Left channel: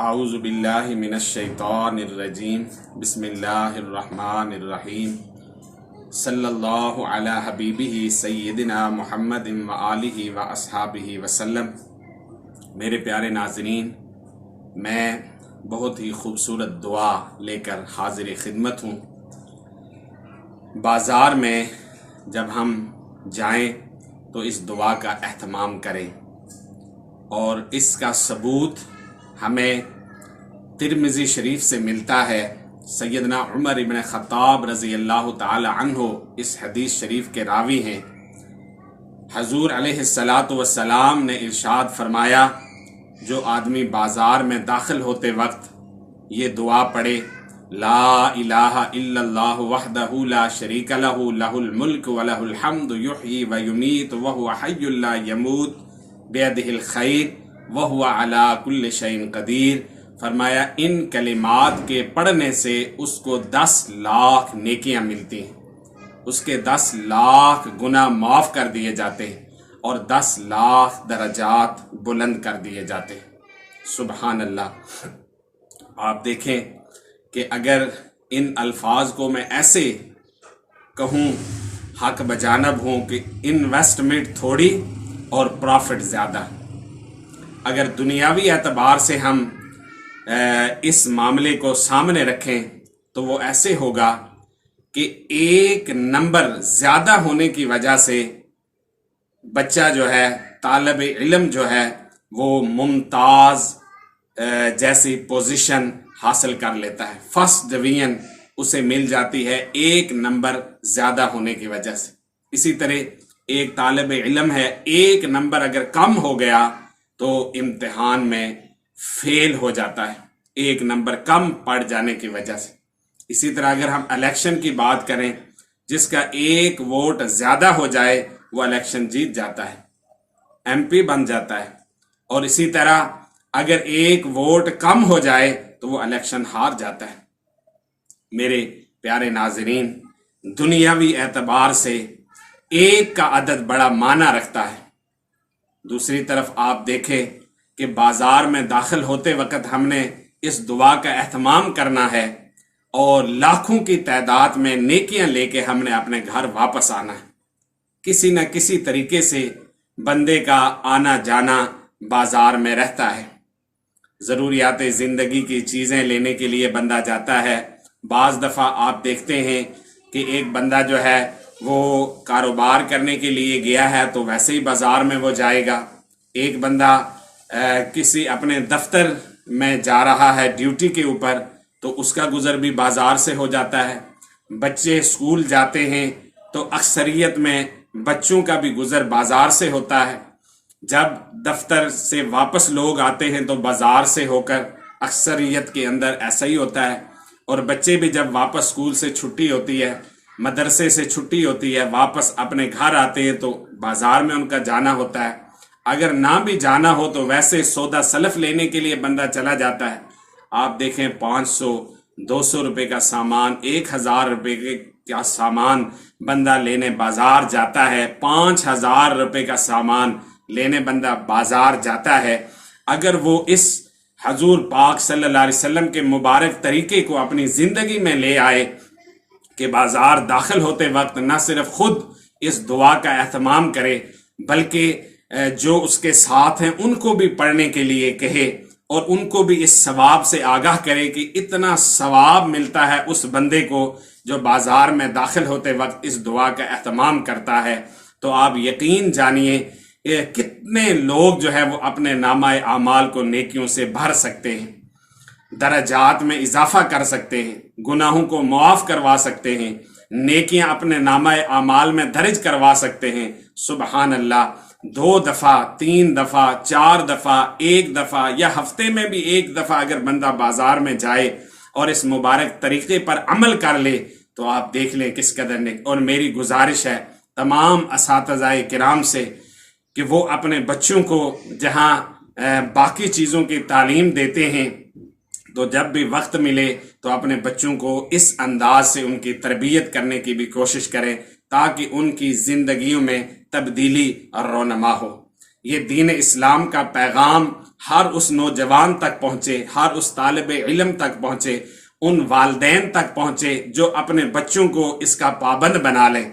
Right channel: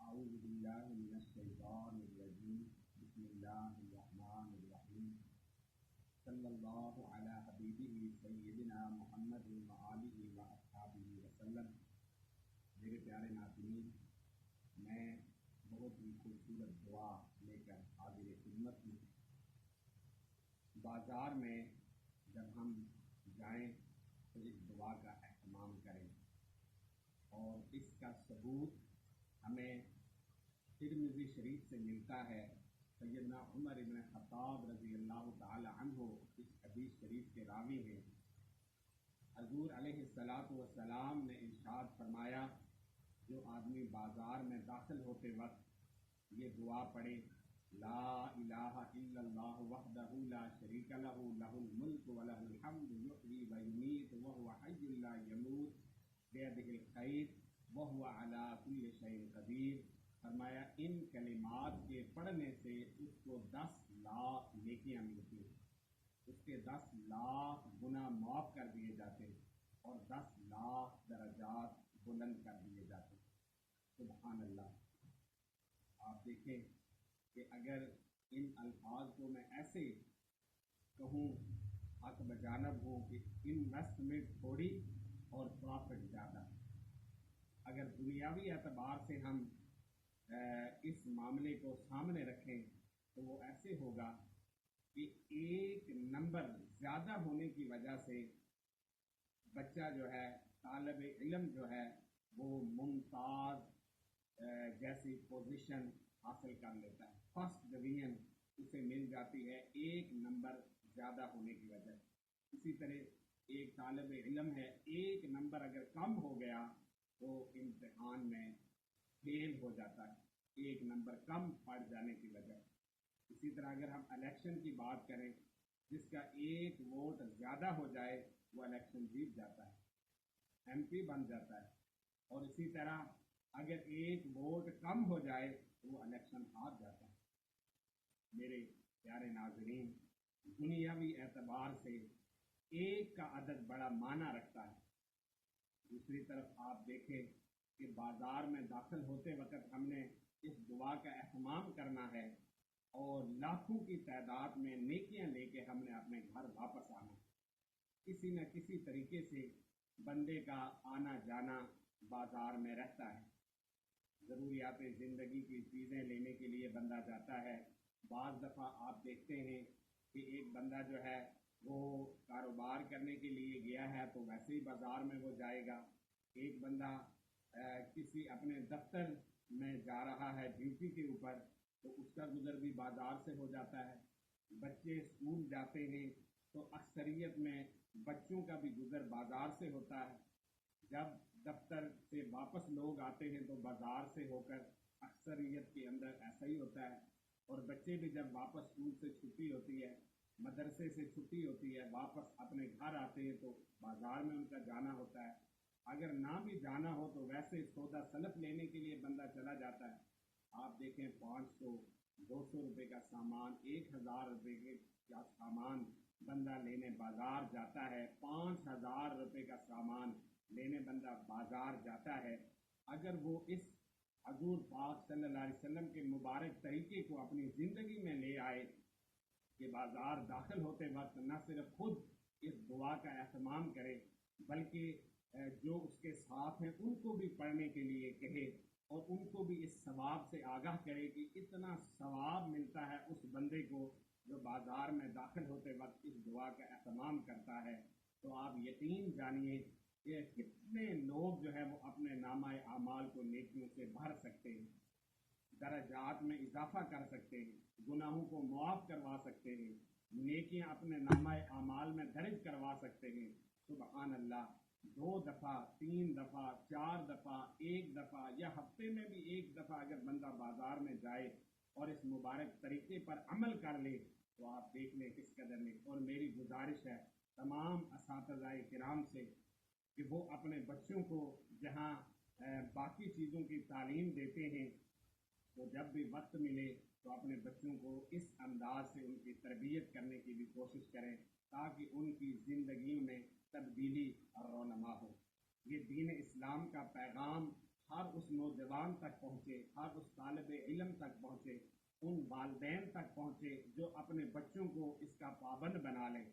اعوذ باللہ من الشیطان الرجیم بسم اللہ الرحمن الرحیم صلی اللہ علی حبیبہ سیدنا محمد و آلہ و اصحابہ وسلم۔ میرے پیارے ناظرین، میں بہت ہی خوبصورت دعا لے کر حاضر خدمت ہوں۔ بازار میں جب ہم جائیں تو اس دعا کا اہتمام کریں، اور اس کا ثبوت ہمیں ترمذی شریف سے ملتا ہے۔ سیدنا عمر ابن خطاب رضی اللہ تعالی عنہ اس حدیث شریف کے راوی ہیں۔ حضور علیہ السلام نے ارشاد فرمایا، جو آدمی بازار میں داخل ہوتے وقت یہ دعا پڑھے، لا الہ الا اللہ وحدہ لا شریک لہ لہ الملک ولہ الحمد یحیی ویمیت وہو حی لا یموت بیدہ الخیر وہو علی کل شیء قدیر، فرمایا ان کلمات کے پڑھنے سے اس کو 10 لاکھ نیکیاں ملتی ہیں، اس کے 10 لاکھ گناہ معاف کر دیے جاتے ہیں اور 10 لاکھ درجات بلند کر دیے جاتے ہیں۔ سبحان اللہ۔ آپ دیکھیں کہ اگر ان الفاظ کو میں ایسے کہوں، حق بجانب ہوں کہ انویسٹمنٹ تھوڑی اور پرافٹ زیادہ، اگر دنیاوی اعتبار سے ہم اس معاملے کو سامنے رکھیں تو وہ ایسے ہوگا کہ ایک نمبر زیادہ ہونے کی وجہ سے بچہ جو ہے، طالب علم جو ہے، وہ ممتاز جیسی پوزیشن حاصل کر لیتا ہے، فرسٹ ڈویژن اسے مل جاتی ہے ایک نمبر زیادہ ہونے کی وجہ سے۔ اسی طرح ایک طالب علم ہے، ایک نمبر اگر کم ہو گیا تو امتحان میں فیل ہو جاتا ہے، ایک نمبر کم پڑ جانے کی وجہ سے۔ اسی طرح اگر ہم الیکشن کی بات کریں، جس کا ایک ووٹ زیادہ ہو جائے وہ الیکشن جیت جاتا ہے، ایم پی بن جاتا ہے، اور اسی طرح اگر ایک ووٹ کم ہو جائے تو وہ الیکشن ہار جاتا ہے۔ میرے پیارے ناظرین، دنیاوی اعتبار سے ایک کا عدد بڑا معنی رکھتا ہے۔ دوسری طرف آپ دیکھیں کہ بازار میں داخل ہوتے وقت ہم نے اس دعا کا اہتمام کرنا ہے، اور لاکھوں کی تعداد میں نیکیاں لے کے ہم نے اپنے گھر واپس آنا ہے۔ کسی نہ کسی طریقے سے بندے کا آنا جانا بازار میں رہتا ہے، ضروریات زندگی کی چیزیں لینے کے لیے بندہ جاتا ہے۔ بعض دفعہ آپ دیکھتے ہیں کہ ایک بندہ جو ہے وہ کاروبار کرنے کے لیے گیا ہے تو ویسے ہی بازار میں وہ جائے گا۔ ایک بندہ کسی اپنے دفتر میں جا رہا ہے ڈیوٹی کے اوپر تو اس کا گزر بھی بازار سے ہو جاتا ہے۔ بچے اسکول جاتے ہیں تو اکثریت میں بچوں کا بھی گزر بازار سے ہوتا ہے۔ جب دفتر سے واپس لوگ آتے ہیں تو بازار سے ہو کر اکثریت کے اندر ایسا ہی ہوتا ہے، اور بچے بھی جب واپس اسکول سے چھٹی ہوتی ہے، مدرسے سے چھٹی ہوتی ہے، واپس اپنے گھر آتے ہیں تو بازار میں ان کا جانا ہوتا ہے۔ اگر نہ بھی جانا ہو تو ویسے سودا سلف لینے کے لیے بندہ چلا جاتا ہے۔ آپ دیکھیں 500 200 روپے کا سامان، 1000 روپے کا سامان بندہ لینے بازار جاتا ہے، 5000 روپے کا سامان لینے بندہ بازار جاتا ہے۔ اگر وہ اس حضور پاک صلی اللہ علیہ وسلم کے مبارک طریقے کو اپنی زندگی میں لے آئے کہ بازار داخل ہوتے وقت نہ صرف خود اس دعا کا اہتمام کرے بلکہ جو اس کے ساتھ ہیں ان کو بھی پڑھنے کے لیے کہے، اور ان کو بھی اس ثواب سے آگاہ کرے کہ اتنا ثواب ملتا ہے اس بندے کو جو بازار میں داخل ہوتے وقت اس دعا کا اہتمام کرتا ہے، تو آپ یقین جانیے کتنے لوگ جو ہے وہ اپنے نامہ اعمال کو نیکیوں سے بھر سکتے ہیں، درجات میں اضافہ کر سکتے ہیں، گناہوں کو معاف کروا سکتے ہیں، نیکیاں اپنے نامہ اعمال میں درج کروا سکتے ہیں۔ سبحان اللہ۔ 2 دفعہ 3 دفعہ 4 دفعہ 1 دفعہ یا ہفتے میں بھی 1 دفعہ اگر بندہ بازار میں جائے اور اس مبارک طریقے پر عمل کر لے تو آپ دیکھ لیں کس قدر اور میری گزارش ہے تمام اساتذہ کرام سے کہ وہ اپنے بچوں کو جہاں باقی چیزوں کی تعلیم دیتے ہیں تو جب بھی وقت ملے تو اپنے بچوں کو اس انداز سے ان کی تربیت کرنے کی بھی کوشش کریں تاکہ ان کی زندگیوں میں تبدیلی اور رونما ہو۔ یہ دین اسلام کا پیغام ہر اس نوجوان تک پہنچے، ہر اس طالب علم تک پہنچے، ان والدین تک پہنچے جو اپنے بچوں کو اس کا پابند بنا لیں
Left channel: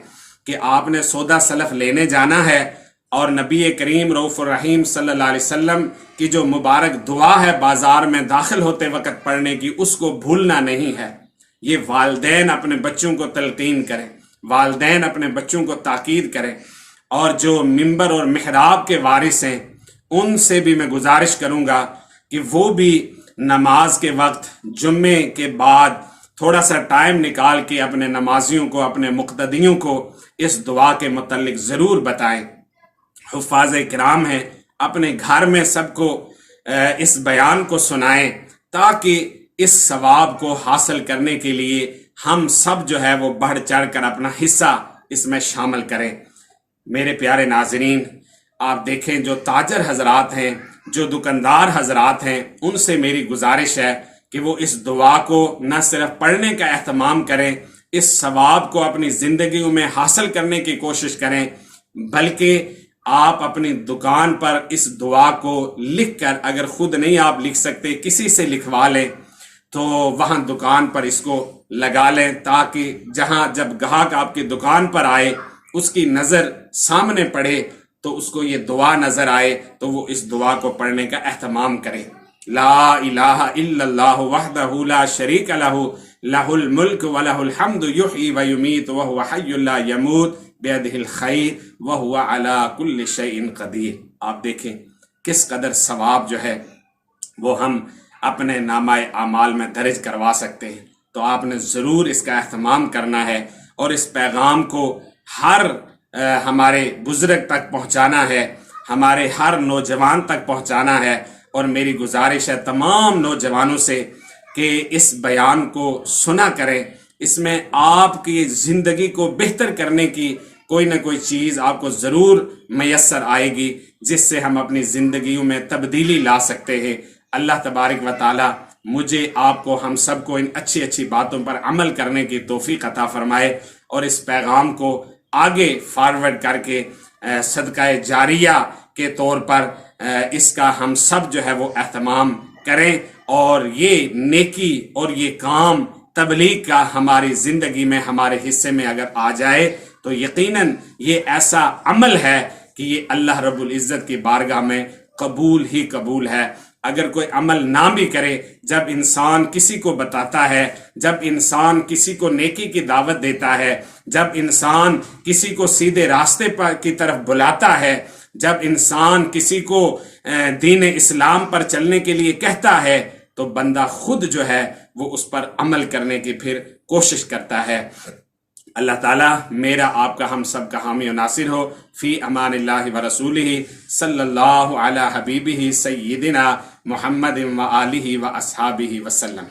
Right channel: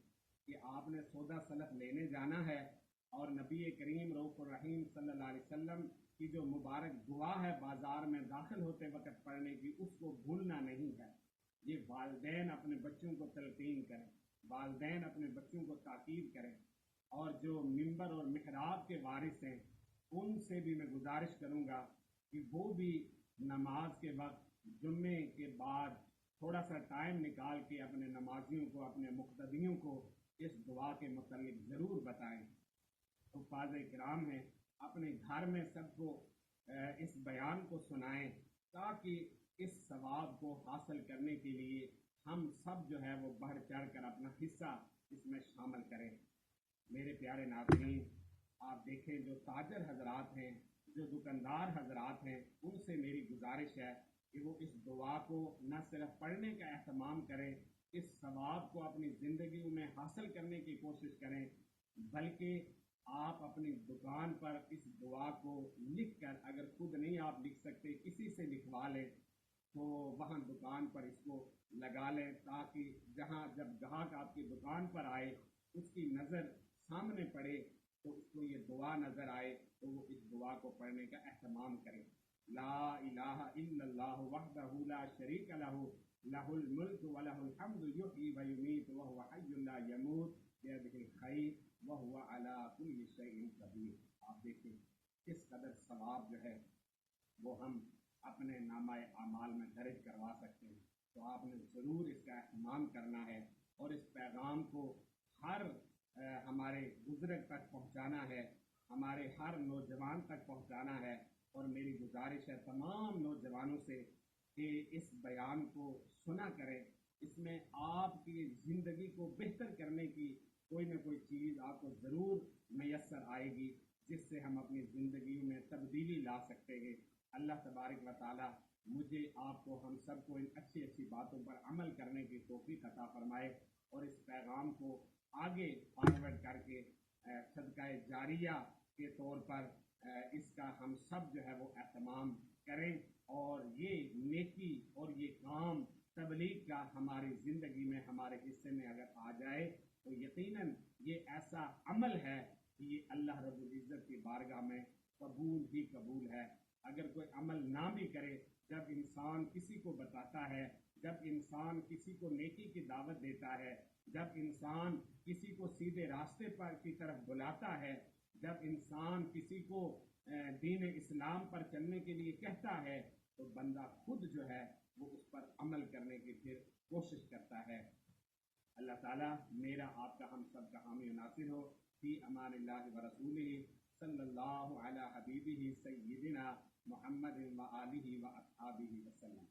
کہ آپ نے سودا سلف لینے جانا ہے، اور نبی کریم رؤوف الرحیم صلی اللہ علیہ وسلم کی جو مبارک دعا ہے بازار میں داخل ہوتے وقت پڑھنے کی، اس کو بھولنا نہیں ہے۔ یہ والدین اپنے بچوں کو تلقین کریں، والدین اپنے بچوں کو تاکید کریں، اور جو ممبر اور محراب کے وارث ہیں ان سے بھی میں گزارش کروں گا کہ وہ بھی نماز کے وقت جمعے کے بعد تھوڑا سا ٹائم نکال کے اپنے نمازیوں کو، اپنے مقتدیوں کو اس دعا کے متعلق ضرور بتائیں۔ حفاظ کرام ہیں، اپنے گھر میں سب کو اس بیان کو سنائیں تاکہ اس ثواب کو حاصل کرنے کے لیے ہم سب جو ہے وہ بڑھ چڑھ کر اپنا حصہ اس میں شامل کریں۔ میرے پیارے ناظرین، آپ دیکھیں جو تاجر حضرات ہیں، جو دکاندار حضرات ہیں، ان سے میری گزارش ہے کہ وہ اس دعا کو نہ صرف پڑھنے کا اہتمام کریں، اس ثواب کو اپنی زندگیوں میں حاصل کرنے کی کوشش کریں، بلکہ آپ اپنی دکان پر اس دعا کو لکھ کر، اگر خود نہیں آپ لکھ سکتے کسی سے لکھوا لیں، تو وہاں دکان پر اس کو لگا لیں تاکہ جہاں جب گاہک آپ کی دکان پر آئے اس کی نظر سامنے پڑے تو اس کو یہ دعا نظر آئے تو وہ اس دعا کو پڑھنے کا اہتمام کرے۔ لا الہ الا اللہ وحدہ لا شریک لہ لہ الملک ولہ الحمد یحیی ویمیت وہو حی لا یموت بیدہ الخیر وہو علی کل شیء قدیر۔ آپ دیکھیں کس قدر ثواب جو ہے وہ ہم اپنے نامہ اعمال میں درج کروا سکتے ہیں۔ تو آپ نے ضرور اس کا اہتمام کرنا ہے اور اس پیغام کو ہر ہمارے بزرگ تک پہنچانا ہے، ہمارے ہر نوجوان تک پہنچانا ہے، اور میری گزارش ہے تمام نوجوانوں سے کہ اس بیان کو سنا کریں۔ اس میں آپ کی زندگی کو بہتر کرنے کی کوئی نہ کوئی چیز آپ کو ضرور میسر آئے گی جس سے ہم اپنی زندگیوں میں تبدیلی لا سکتے ہیں۔ اللہ تبارک و تعالی مجھے، آپ کو، ہم سب کو ان اچھی اچھی باتوں پر عمل کرنے کی توفیق عطا فرمائے، اور اس پیغام کو آگے فارورڈ کر کے صدقہ جاریہ کے طور پر اس کا ہم سب جو ہے وہ اہتمام کریں، اور یہ نیکی اور یہ کام تبلیغ کا ہماری زندگی میں، ہمارے حصے میں اگر آ جائے تو یقیناً یہ ایسا عمل ہے کہ یہ اللہ رب العزت کی بارگاہ میں قبول ہی قبول ہے۔ اگر کوئی عمل نہ بھی کرے، جب انسان کسی کو بتاتا ہے، جب انسان کسی کو نیکی کی دعوت دیتا ہے، جب انسان کسی کو سیدھے راستے پر کی طرف بلاتا ہے، جب انسان کسی کو دین اسلام پر چلنے کے لیے کہتا ہے، تو بندہ خود جو ہے وہ اس پر عمل کرنے کی پھر کوشش کرتا ہے۔ اللہ تعالیٰ میرا، آپ کا، ہم سب کا حامی و ناصر ہو۔ فی امان اللہ و رسولہ صلی اللہ علی حبیبہ سیدنا محمد و آلہ و اصحابہ وسلم۔